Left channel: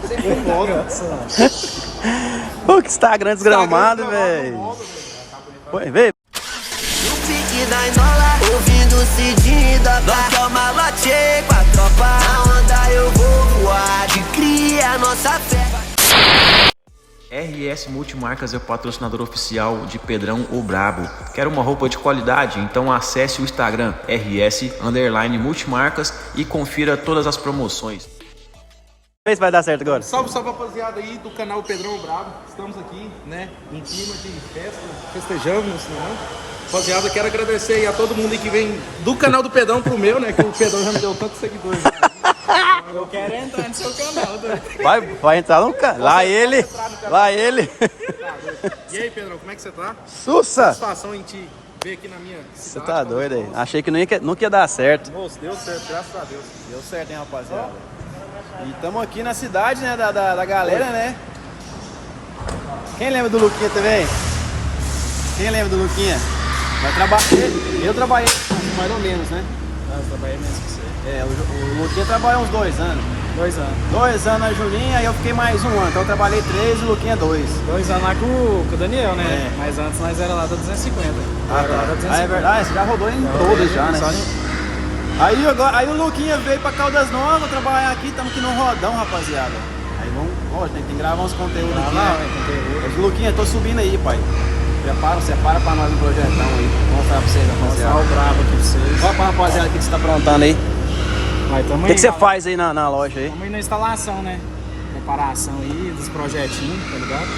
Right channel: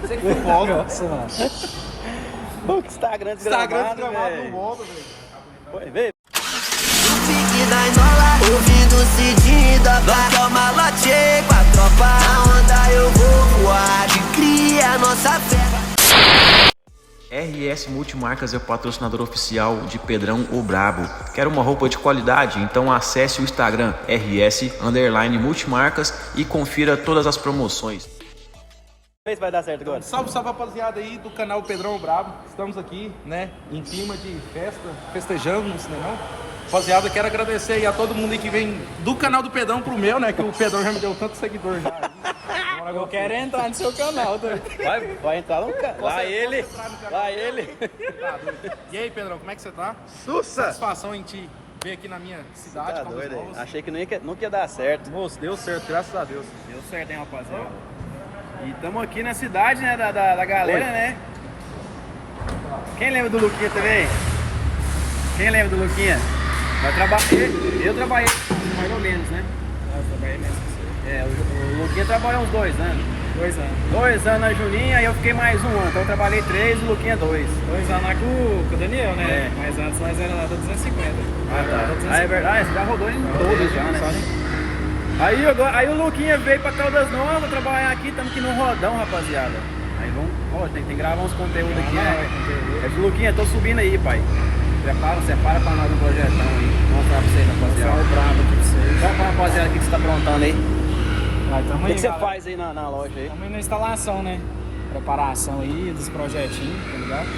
Que foto. Pô, que Instagram desgramado, velho. Foi, vê. No pique da Inola, ouvindo o Cidinho da Nós que é o malote com a tropa. Na onda eu vou voar, de cria a nossa fé. RS Multimarcas é o patrocinador oficial de Pedrão o Brabo. Quer uma roupa de qualidade? Então acesse o Instagram RS_Multimarcas e confira todas as promoções. Vê se vai dar certo agora. Salve, salve, rapaziada aí do canal Pedrão Brabo. Estamos aqui, né, em clima de festa, festejando, não sei não. Rapaziada, quero agradecer aí a todo mundo aí que vem do canal do Pedrão pro meu, né, que o Pedrão já me deu tantos seguidores já. Agora eu quero entrar no seu canal, doido. Vai entrar no canal. Lá ele. Tá doido. E aí, Pedrão, como é que você tá? Sussa! Satisfação em te ver aqui na minha Você cidade. tá doido aí. Achei que nunca ia dar certo. Moço, deu certo, graças a Deus. Deu certo, hein, rapaziada? E estamos aqui na cidade, né, da galera, né? Quem lembra do Luquinha também? Quem lembra do Luquinha? Eu trabalhei mais ou menos, né? Eu trabalhei mesmo com você. O Luquinha trabalhou uns 2 anos. 2 anos. 2 anos na Julinha, aí eu fiquei mais 1 ano. Então eu trabalhei 3 e o Luquinha 2. 2 anos lá com o Daniel, né? É. Mas antes nós era lá do 250. Ah, tá. Ah, é verdade, você já rodou em todos já, né? Aí o Luquinha veio pra Caldas Novas trabalhar aqui, estamos aqui no rodão, rapaziada. Aí vamos, tem que gravar uns conteúdos aqui, né? É, Luquinha, tô subindo aí, pai. Separa pra nós um projetão aí. Vou mostrar pra vocês, rapaziada. Mostrar o brabo aqui pra vocês. Fala pra rapaziada o que você tá aprontando aí. O que você faz aí na loja aí? Estamos aí na instalação, né? Preparação aí dos projetinhos, tá ligado?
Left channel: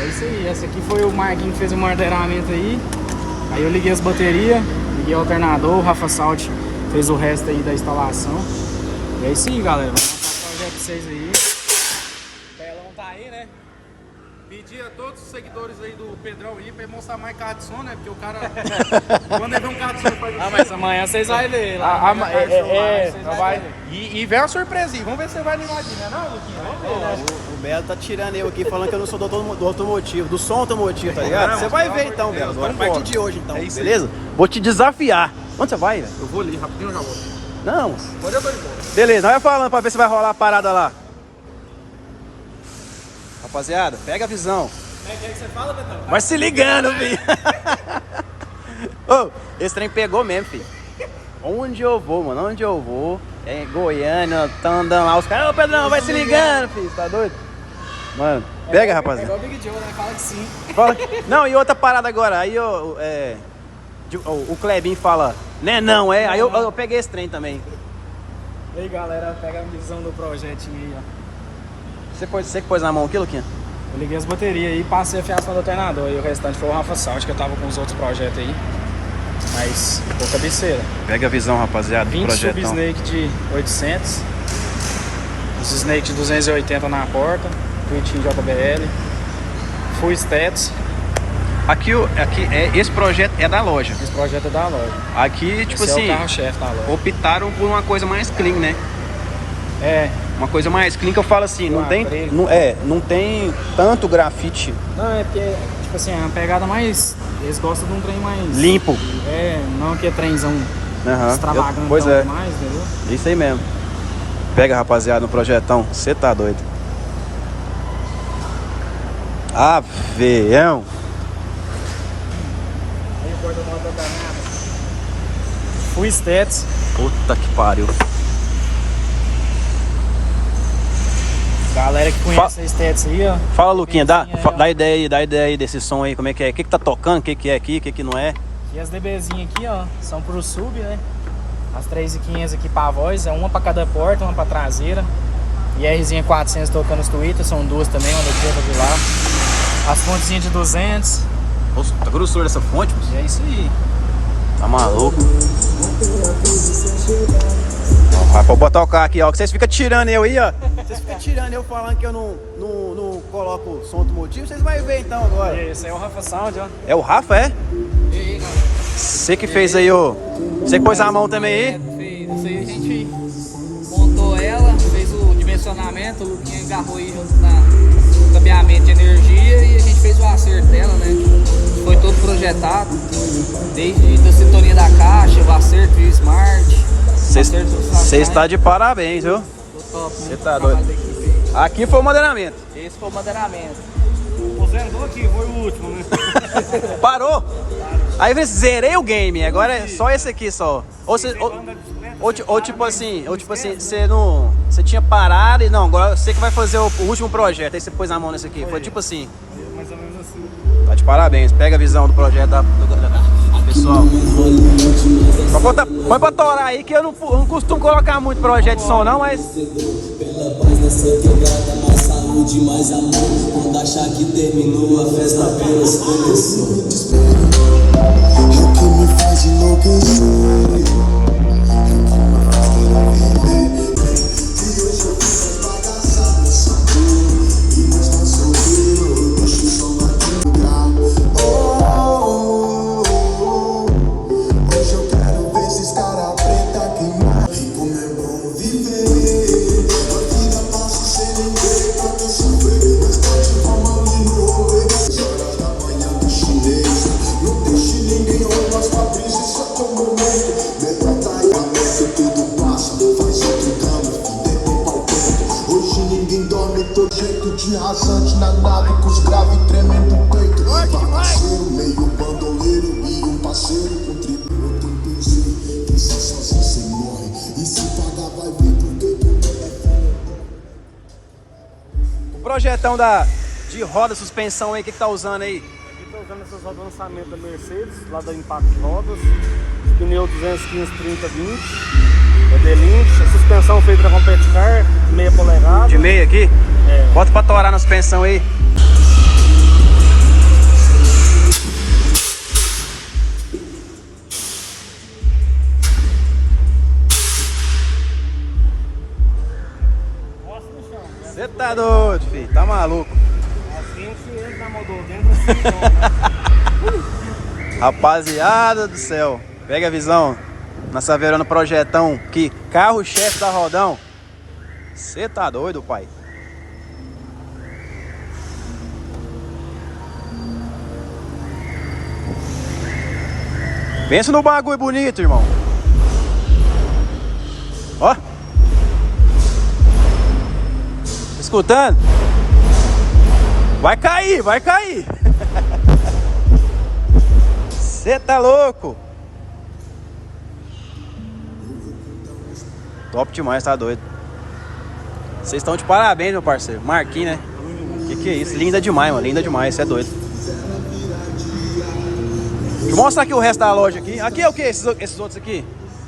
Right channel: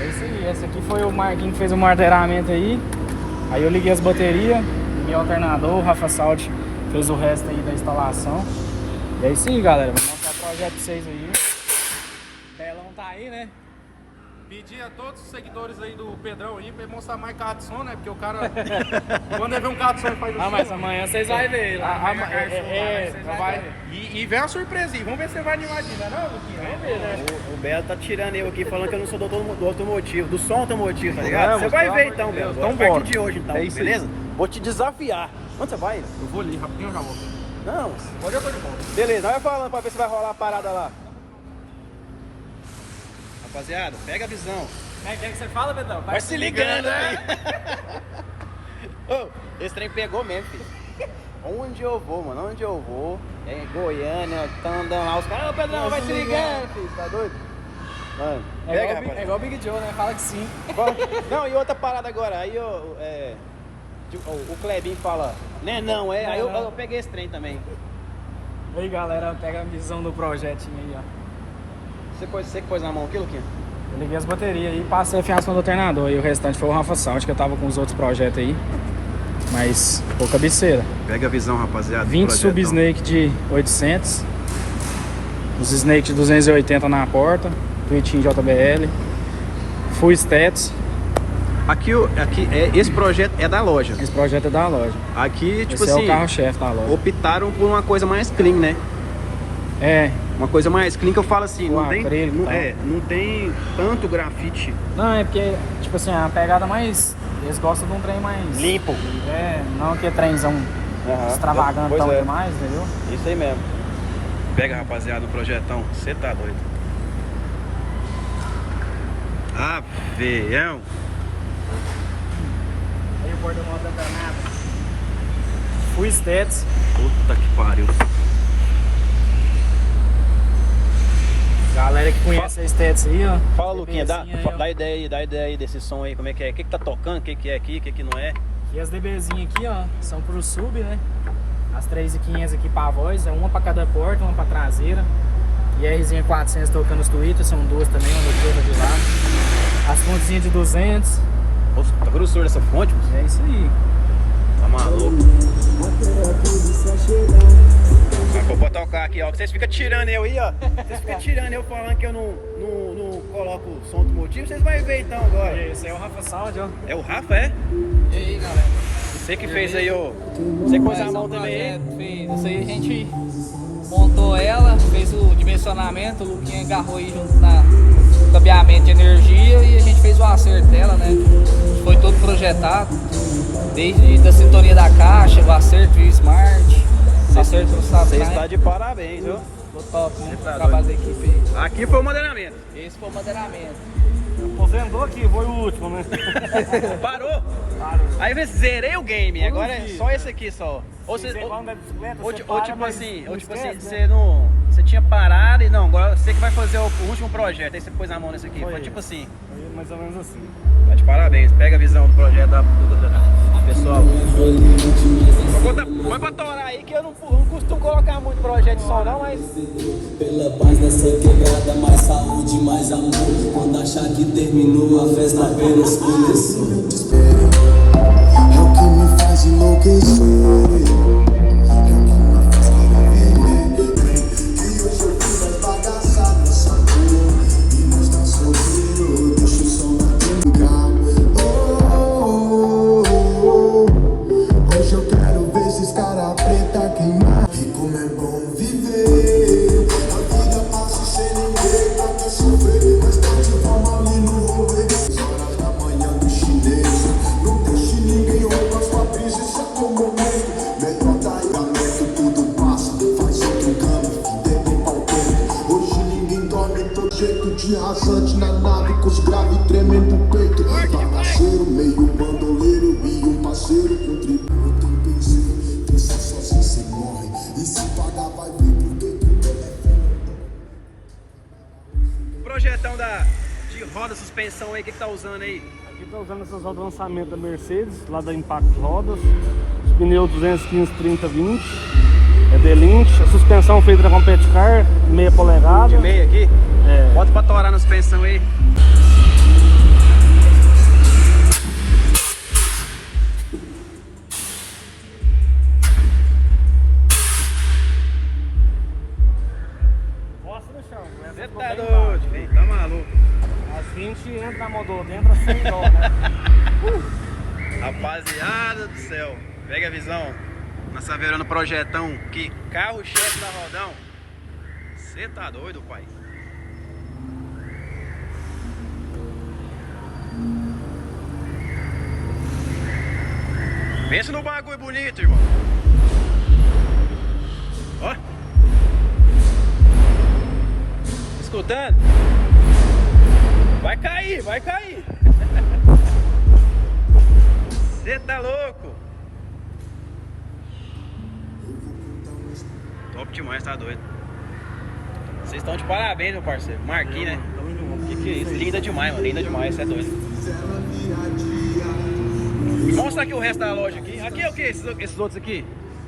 É isso aí. Essa aqui foi o Marquinhos que fez o martelamento aí. Aí eu liguei as baterias, liguei o alternador, o Rafa Salt fez o resto aí da instalação. E é isso aí, galera. Vou mostrar o projeto pra vocês aí. O telão tá aí, né? Pedi a todos os seguidores aí do Pedrão aí pra ele mostrar mais carro de som, né? Porque o cara, quando ele vê um carro de som, faz assim. Não, mas amanhã vocês vão ver lá. E vem uma surpresinha. Vamos ver se você vai animar aqui, né? Não, Luquinha? O Belo tá tirando eu aqui, falando que eu não sou do automotivo, do som automotivo, tá ligado? Você vai ver então, Belo. Agora, a partir de hoje, então, beleza? Vou te desafiar. Onde você vai, velho? Eu vou ali, rapidinho eu já volto. Não. Hoje eu tô de boa. Beleza, vai falando pra ver se vai rolar a parada lá. Rapaziada, pega a visão. O que você fala, Betão? Vai se ligando, filho. Ô, esse trem pegou mesmo, filho. Onde eu vou, mano? Onde eu vou? É em Goiânia, tá andando lá. Os caras, ô Pedrão, vai se ligando, filho. Tá doido? Mano, pega, rapaziada. Pegou o Big Joe, né? Fala que sim. Não, e outra parada agora. Aí o Clebinho fala, né? Não, é. Aí eu peguei esse trem também. E aí, galera, pega a visão do projetinho aí, ó. Você que pôs na mão aqui, Luquinha? Eu liguei as baterias aí e passei a fiação do alternador. E o restante foi o Rafa Salt, que eu tava com os outros projetos aí. Mas foi cabeceira. Pega a visão, rapaziada. 20 sub-snake de 800. Os snake de 280 na porta. Tweeting JBL. Full stats. Aqui esse projeto é da loja. Esse projeto é da loja. Aqui, tipo Esse assim, é o carro-chefe da loja. optaram por uma coisa mais clean, né? É. Uma coisa mais clean que eu falo assim, não tem, acrílico. não tem tanto grafite Não, é porque, tipo assim, a pegada mais... Eles gostam de um trem mais... limpo. É, não que é trenzão extravagante Pois é. demais, entendeu? Isso aí mesmo. Pega, rapaziada, no projetão. Você tá doido. Avião. Aí o porta-malas da Canada. Full stats. Puta que pariu. Galera que conhece a stats aí, ó. Fala, Luquinha, dá Aí, ó. dá ideia aí desse som aí, como é que é? O que tá tocando, o que é aqui, o que não é? E as DBzinhas aqui, ó, são pro sub, né? As 3.500 aqui pra voz, é uma pra cada porta, uma pra traseira. E a Rzinha 400 tocando os tweeters, são duas também, uma daqui e outra de lá. As fontezinhas de 200. Nossa, tá grossura essa fonte, moço? E é isso aí. Tá maluco? Vou botar o carro aqui, ó, que vocês ficam tirando eu aí, ó. Vocês ficam tirando eu falando que eu não coloco som automotivo, vocês vão ver então agora. E esse aí é o Rafa Sound, ó. É o Rafa, é? E aí, galera? Você que fez aí, ó. Você que pôs a mão também aí? Fez. Isso aí a gente montou ela, fez o dimensionamento, o Luquinha agarrou aí junto no cabeamento de energia e a gente fez o acerto dela, né? Foi todo projetado, desde a sintonia da caixa, o acerto de smart, o acerto do Você está de parabéns, viu? Ficou top, né? tá O trabalho da equipe aí. Aqui foi o moderamento. Esse foi o moderamento. Aposentou aqui, foi o último, né? Parou? Aí eu zerei o game, agora é só esse aqui só. Ou tipo assim, você não. Você tinha parado e não, agora você que vai fazer o último projeto, aí você pôs a mão nesse aqui. Foi tipo assim. Mais ou menos assim. Tá de parabéns, pega a visão do projeto do pessoal. Põe pra torar aí que eu não costumo colocar muito projeto de som não, mas. Pela paz nessa quebrada, mais saúde, mais amor. Quando achar que terminou, a festa apenas começou. É o que me faz enlouquecer. De rasante na nave com os graves tremendo o peito. Bagaceiro, meio bandoleiro e um parceiro contribuiu. Tem pensei, tem sozinho cê morre. E se pagar vai vir porque O projetão de roda, suspensão aí, o que tá usando aí? Aqui tá usando essas rodas de lançamento da Mercedes, lá da Impact Rodas. Os pneus 215, 30, 20. É Delinch, a suspensão feita da Competicar, meia polegada. De meia aqui? Bota pra torar na suspensão aí. Roça no chão. Você tá doido, filho, tá maluco. Assim a gente entra na motor dentro assim, não, né? Rapaziada do céu, pega a visão. Na Saveirana Projetão, que carro-chefe da Rodão. Você tá doido, pai? Pensa no bagulho bonito, irmão. Ó. Escutando? Vai cair, vai cair. Você tá louco? Top demais, tá doido. Vocês estão de parabéns, meu parceiro. Marquinhos, né? Que é isso? Linda demais, mano. Linda demais, você é doido. Mostra aqui o resto da loja aqui. Aqui é o que? Esses outros aqui?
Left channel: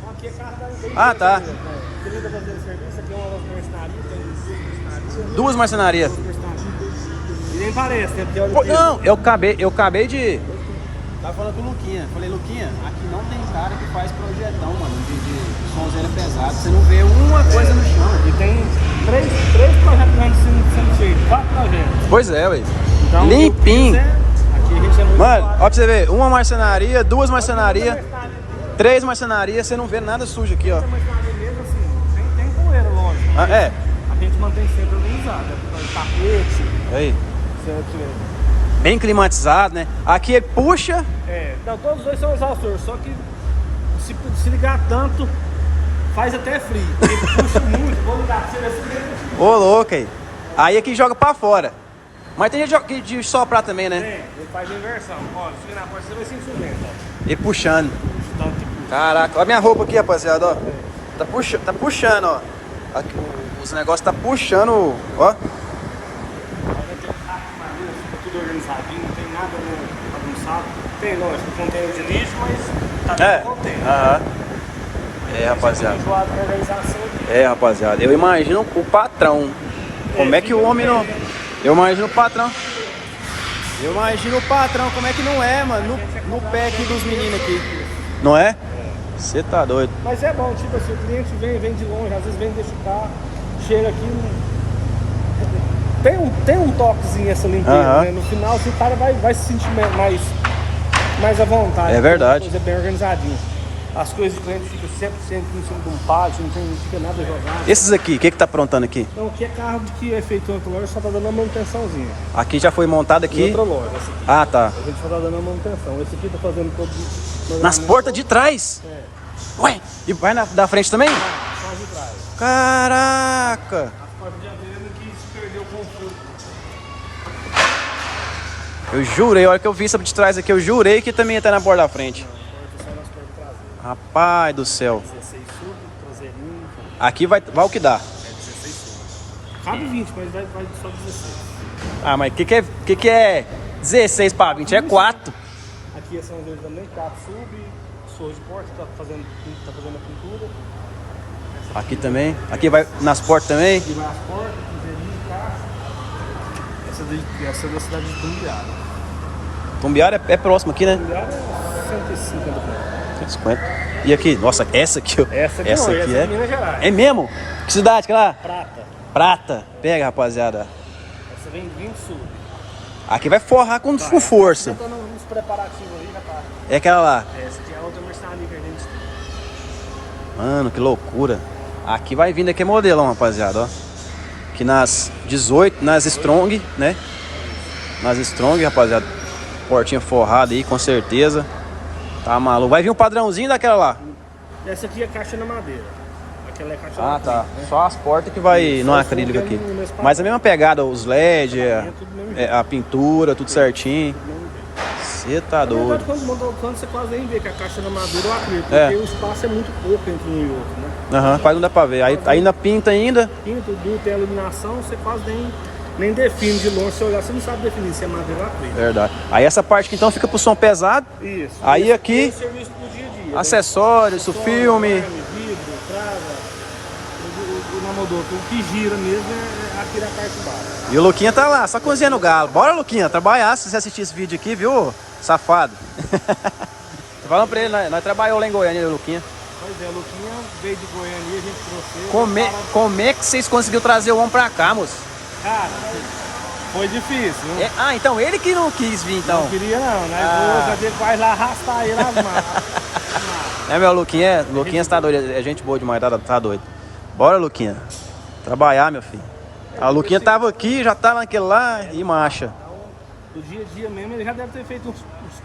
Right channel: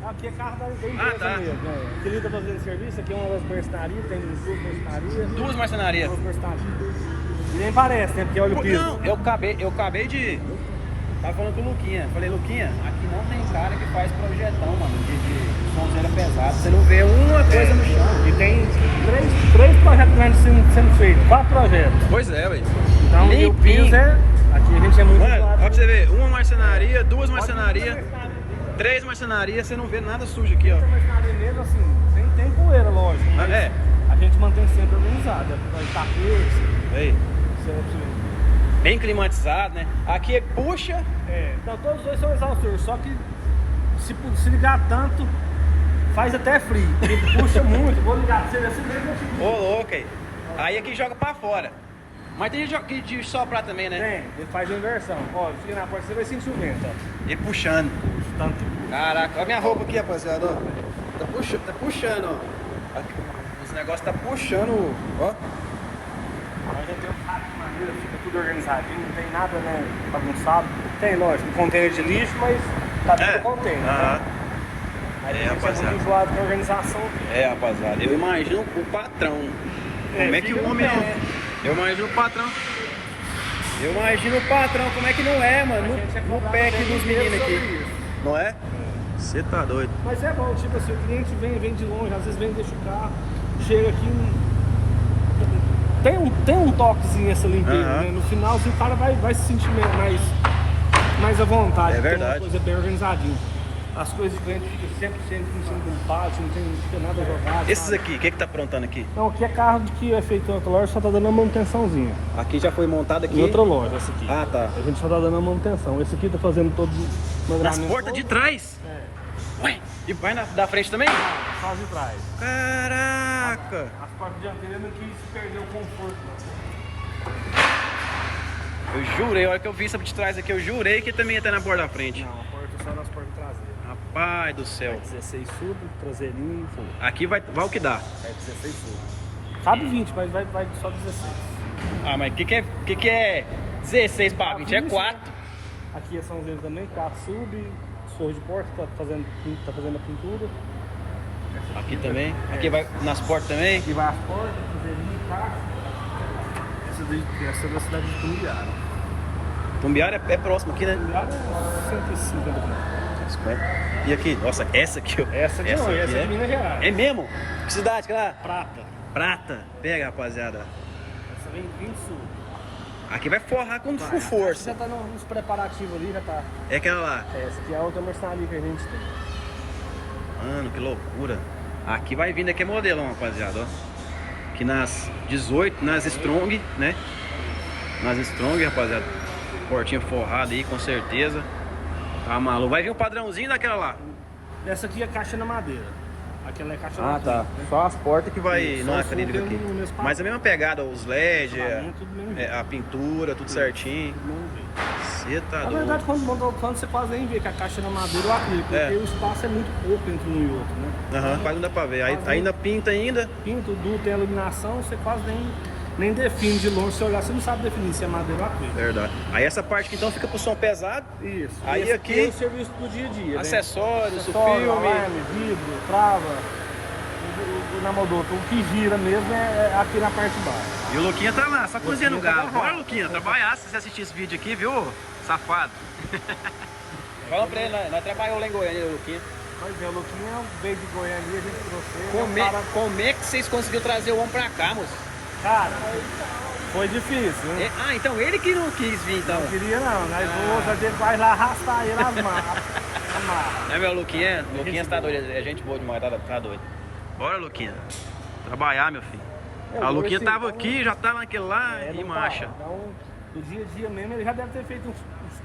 Aqui é carro. Ah, tá. Aqui liga pra fazer serviço, aqui é uma loja marcenaria, tem Duas marcenarias. E nem parece, né? Porque olha aqui. Não, eu acabei de... Tava falando com o Luquinha. Falei, Luquinha, aqui não tem cara que faz projetão, mano, de sonzeira pesada. Você não vê uma coisa no chão. E tem três projetos grandes sendo feitos, 4 projetos. Pois é, ué. Então, limpinho. Aqui a gente é muito... Mano, ó pra você ver, uma marcenaria, 2 marcenarias, 3 marcenarias, você não vê nada sujo aqui, ó. Mesmo assim, tem poeira, lógico. Ah, é? A gente mantém sempre organizado. Tapete, Aí. certo? Bem climatizado, né? Aqui puxa. Então, todos os dois são exaustores, só que se ligar tanto, faz até frio. Porque puxa muito, vou ligar pra você ver assim mesmo. Ô, louco aí. Aí aqui joga pra fora. Mas tem gente de soprar também, né? Tem, ele faz a inversão. Olha, se na porta você vai sentir o vento. E puxando. Tanto que puxa. Caraca, olha a minha roupa aqui, rapaziada, ó. Tá puxando, ó. Aqui, os negócios tá puxando, ó. Aqui tem um rack de madeira, fica tudo organizadinho, não tem nada, né, bagunçado. Tem, lógico, container de lixo, mas tá dentro do container. Aham. Aí É, rapaziada. fica enjoado com a organização aqui. É, rapaziada. Eu imagino o patrão. Como é que fica o no homem pé, não... né? Eu imagino o patrão. Eu imagino o patrão, como é que não é, mano, no pé aqui dos meninos aqui. Não é? Você tá doido. Mas é bom, tipo assim, o cliente vem de longe, às vezes vem desse carro, chega aqui, tem um toquezinho essa limpeza, né? No final, assim, o cara vai se sentir mais à vontade. É verdade. Uma coisa bem organizadinha. As coisas que o cliente fica sempre em cima de um pátio, não fica nada jogado. Esses aqui, o que tá aprontando aqui? Então, aqui é carro que é feito em outra loja, só tá dando uma manutençãozinha. Aqui já foi montado Em aqui. outra loja, essa aqui. Ah, tá. A gente só tá dando uma manutenção. Esse aqui tá fazendo todo... Nas portas de trás? É, Ué, e vai da frente também? só de trás. Caraca! A porta dianteira não quis perder o conforto. Eu jurei, a hora que eu vi essa de trás aqui, eu jurei que também ia estar na porta da frente. Não, a porta só nas portas traseiras. Rapaz do céu. 16 sub, traseirinho. Aqui vai o que dá. É 16 sub. Cabe 20, mas vai só 16. Ah, mas o que é 16 para 20? É 4. Aqui são os dedos também, 4 sub, sorro de porta, tá fazendo a pintura. Aqui também. Aqui vai nas portas também. Aqui vai as portas, traseirinho, caixa. Essa é a cidade de Tumbiara. Tumbiara é próximo aqui, né? Tumbiara é 150 pontos. 150. E aqui? Nossa, essa aqui, ó. Essa Essa não, aqui essa é. é Minas Gerais. É mesmo? Que cidade que é lá? Prata. Prata. Pega, rapaziada. Essa vem 20 sub. Aqui vai forrar com força. Já tá nos preparativos ali, rapaz. É aquela lá. Essa aqui é a outra marcenaria que a gente tem. Mano, que loucura. Aqui vai vindo aqui modelão, rapaziada, ó. Aqui nas 18, nas Strong, né? Nas Strong, rapaziada. Portinha forrada aí, com certeza. Tá maluco. Vai vir um padrãozinho daquela lá. Essa aqui é caixa na madeira. Aquela é caixa Ah, na tá. madeira, né? Só as portas que vai Isso, no só o acrílico fogo aqui. é no mesmo Mas a mesma pegada, os LED, Acabamento, tudo do mesmo jeito. a pintura, tudo certinho. Do mesmo jeito. Você tá Na verdade, doido. quando monta o plano, você quase nem vê que a caixa é na madeira ou acrílico, É. porque o espaço é muito pouco entre um e outro, né? Aham, quase não dá pra ver. Aí ainda pinta ainda. Pinto, duto, tem a iluminação, você quase nem define de longe. Se olhar, você não sabe definir se é madeira ou acrílico. Verdade. Aí essa parte que então fica pro som pesado. Isso. Aí Esse aqui- é o serviço do dia a dia. Acessórios, o filme. Alarme, vidro, trava, o namodoto. O que gira mesmo é aqui na parte de... E o Luquinha tá lá, só cozinhando galo. Bora, Luquinha, trabalhar se você assistir esse vídeo aqui, viu, safado? Falando pra ele, nós trabalhamos lá em Goiânia, o Luquinha. Pois é, o Luquinha veio de Goiânia e a gente trouxe ele. Como é que vocês conseguiram trazer o homem pra cá, moço? Cara, foi difícil, viu? Ah, então ele que não quis vir, então. Não queria não, nós hoje aqui vai lá arrastar ele as marras. É, meu Luquinha, Luquinha tá doido, é gente boa demais, tá doido. Bora, Luquinha, trabalhar, meu filho. A Luquinha tava aqui, já tá naquele lá e marcha. Do dia a dia mesmo, ele já deve ter feito uns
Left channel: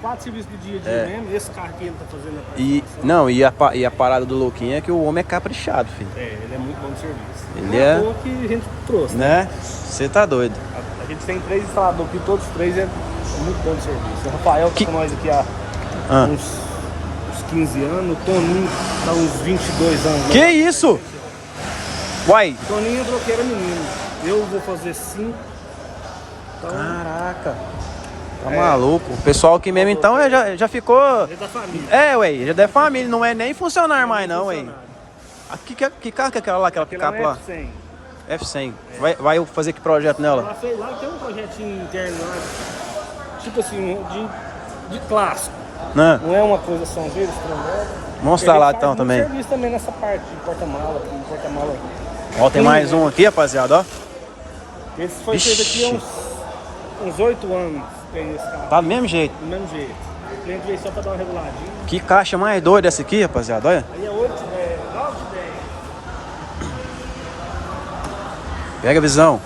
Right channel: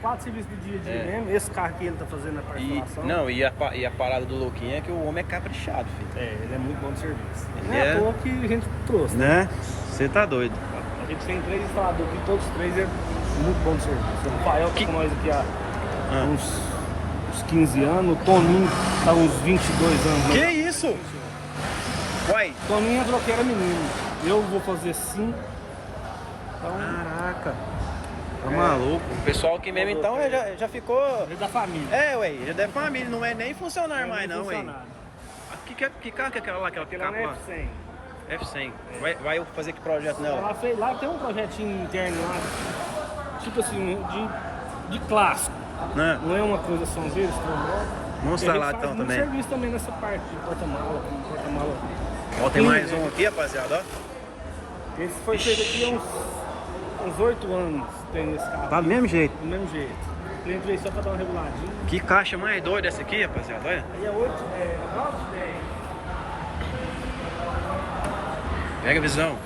4 serviços do dia a dia mesmo. Esse carro que ele tá fazendo na E, participação. não, e a parada do Luquinha é que o homem é caprichado, filho. É, ele é muito bom de serviço. Ele Não é é- à toa que a gente trouxe, né? Né? Você tá doido. A gente tem 3 instaladores aqui, todos os 3 é muito bom de serviço. O Rafael tá com nós aqui há Ah. uns 15 anos, o Toninho tá uns 22 anos. Que né? isso? Uai, O Toninho entrou que era menino. Eu vou fazer 5. Então, caraca. Tá maluco. O pessoal aqui mesmo então já ficou. é da família. É, ué, já deve família, não é nem funcionário mais não, ué. Funcionário. Que carro que é aquela lá, aquela Aquele picape não é lá? F100. F100. Vai fazer que projeto nela? Lá tem um projetinho interno lá, tipo assim, de clássico. Né? Não é uma coisa São Zero, estrondada. Mostra E a lá gente então faz muito também. serviço também nessa parte, de porta-mala, Ó, tem mais um aqui, rapaziada, ó. Esse foi feito aqui há uns 8 anos, tem esse carro. Tá do mesmo jeito. Do mesmo jeito. O cliente veio só pra dar uma reguladinha. Que caixa mais doida essa aqui, rapaziada, olha. E é 8, 9, 10. Pega a visão.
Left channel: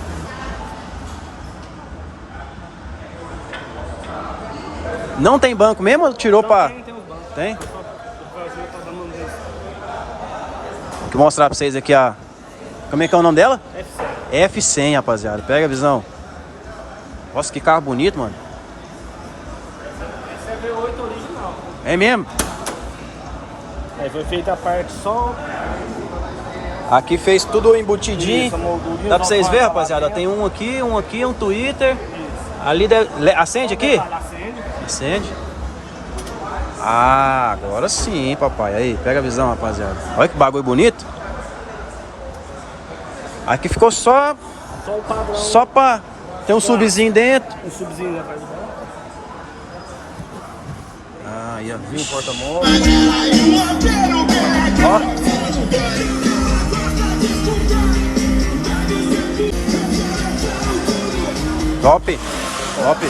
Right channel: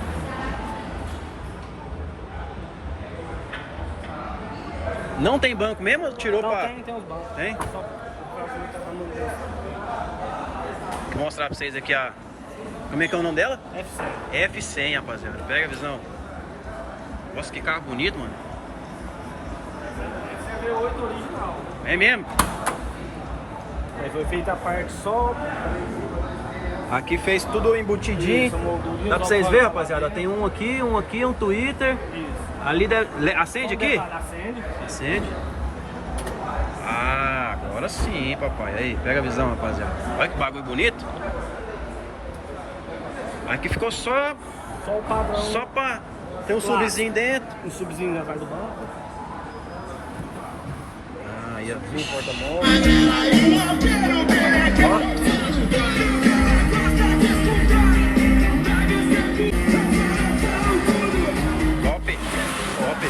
Não tem banco mesmo ou tirou pra... Tem os bancos. Tem? Só fazer pra dar uma desse. Vou mostrar pra vocês aqui a... Como é que é o nome dela? F100. F100, rapaziada. Pega a visão. Nossa, que carro bonito, mano. Essa é a V8 original. É mesmo? Aí foi feita a parte só. Aqui fez tudo embutidinho. Isso, moldudinho, Dá pra vocês só verem, para- rapaziada? Tem um aqui, um Twitter. Ali acende aqui? Acende. Acende. Ah, agora sim, papai. Aí, pega a visão, rapaziada. Olha que bagulho bonito. Aqui ficou só Só o padrão. pra ter um subzinho dentro. Um subzinho já faz do banco. Ah, aí, ó. Viu o porta-mola. Top, top.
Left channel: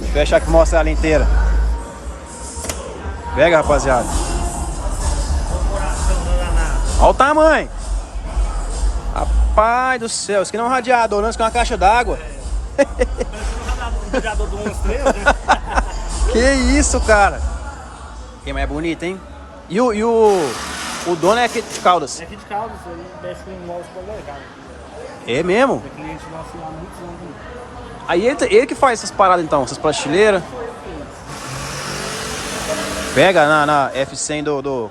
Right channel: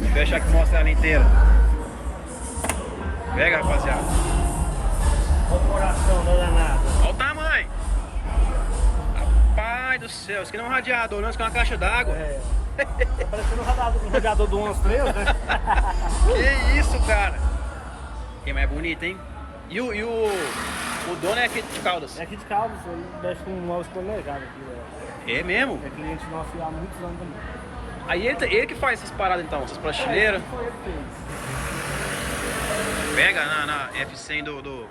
Vou fechar aqui e mostrar ela inteira. Pega, rapaziada. Olha o tamanho. Rapaz do céu, isso aqui não é um radiador, não, isso aqui é uma caixa d'água. Parecendo um radiador do 1 estrelas, né? Que isso, cara. Que mais bonito, hein? E o O dono é aqui de Caldas. É aqui de Caldas, isso aí mexe com o nosso também, cara. É mesmo? É cliente nosso há muitos anos também. Aí ele que faz essas paradas então, essas prateleiras. Pega na F100 do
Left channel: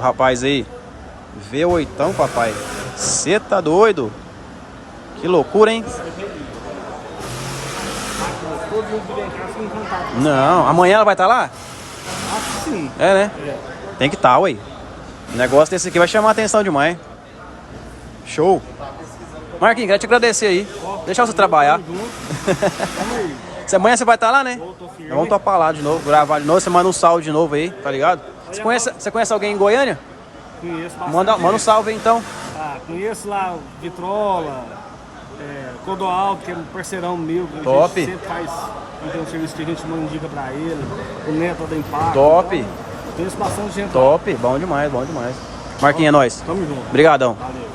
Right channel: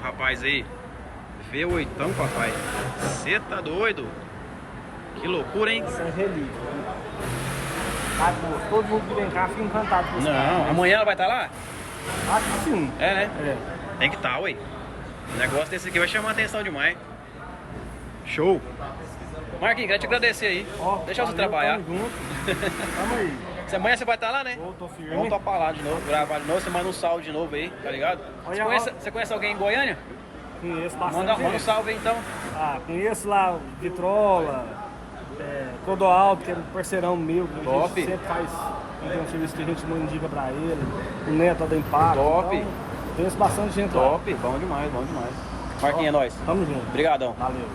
rapaz aí. V8, papai. Você tá doido? Que loucura, hein? Todo mundo que vem cá fica encantado. Não, amanhã ela vai estar lá? Acho que sim. É, né? Tem que estar, ué. O negócio desse aqui vai chamar a atenção demais. Show. Marquinhos, quero te agradecer aí. Deixar você trabalhar. Tamo junto. Tamo aí. Se amanhã você vai estar lá, né? Tô firme. Vamos topar lá de novo, gravar de novo. Você manda um salve de novo aí, tá ligado? Você conhece alguém em Goiânia? Conheço bastante. Manda um salve aí então. Conheço lá o Vitrola, Clodoaldo, que é um parceirão meu. Que a Top. gente sempre faz. Tem um serviço que a gente indica pra ele. O Neto da Impacto. Top. Então, conheço bastante gente lá. Top, bom demais, bom demais. Marquinhos, é nóis. Tamo junto. Obrigadão. Valeu.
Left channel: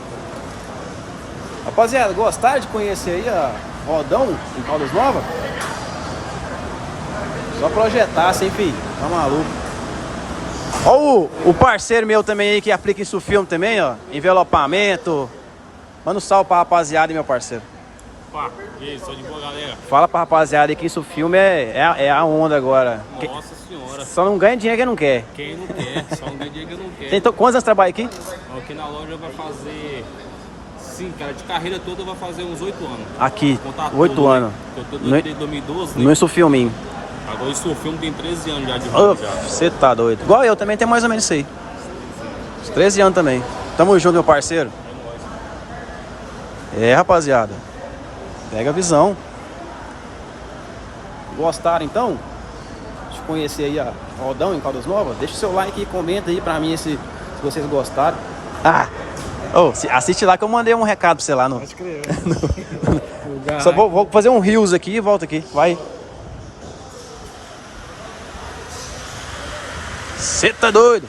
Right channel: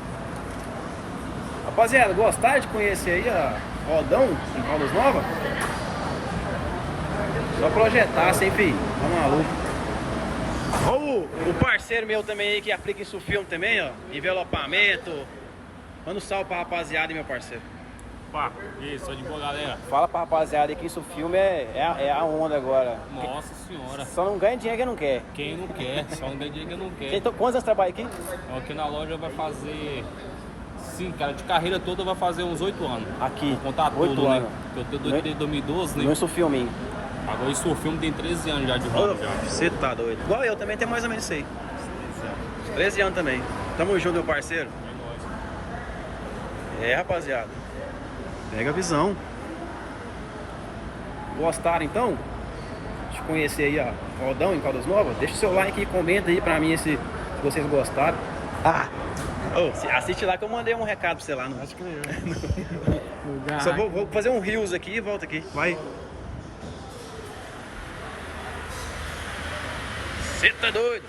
Rapaziada, gostaram de conhecer aí a Rodão em Caldas Novas? Só projetar, sem filho. Tá maluco. Ó o parceiro meu também aí que aplica isso filme também, ó. Envelopamento. Manda um salve pra rapaziada aí, meu parceiro. Pá, isso, de boa, galera. Fala pra rapaziada aí que isso filme é a onda agora. Nossa senhora. Só não ganha dinheiro quem não quer. Quem não quer, só um dia que não quer. Então, quantos anos trabalha aqui? Aqui na loja vai fazer... Sim, cara, de carreira toda vai fazer uns 8 anos. Aqui, Contar 8 tudo, anos. Né? Eu tô desde 2012, né? Não é isso filminho. Agora isso o filme tem 13 anos já de ramo já. Você tá doido. Igual eu também tenho mais ou menos isso aí. Uns 13 anos também. Tamo junto, meu parceiro. É, rapaziada. Pega a visão. Gostaram então? De conhecer aí a Rodão em Caldas Novas? Deixa o seu like e comenta aí pra mim se vocês gostaram. Assiste lá que eu mandei um recado pra você lá. Pode crer. Só vou fazer um reels aqui e volto aqui. Vai. Você tá doido?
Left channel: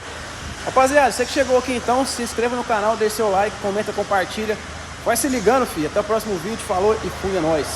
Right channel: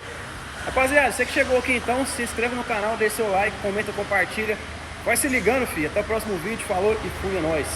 Rapaziada, você que chegou aqui então, se inscreva no canal, deixe seu like, comenta, compartilha. Vai se ligando, filho. Até o próximo vídeo. Falou e fui, é nóis.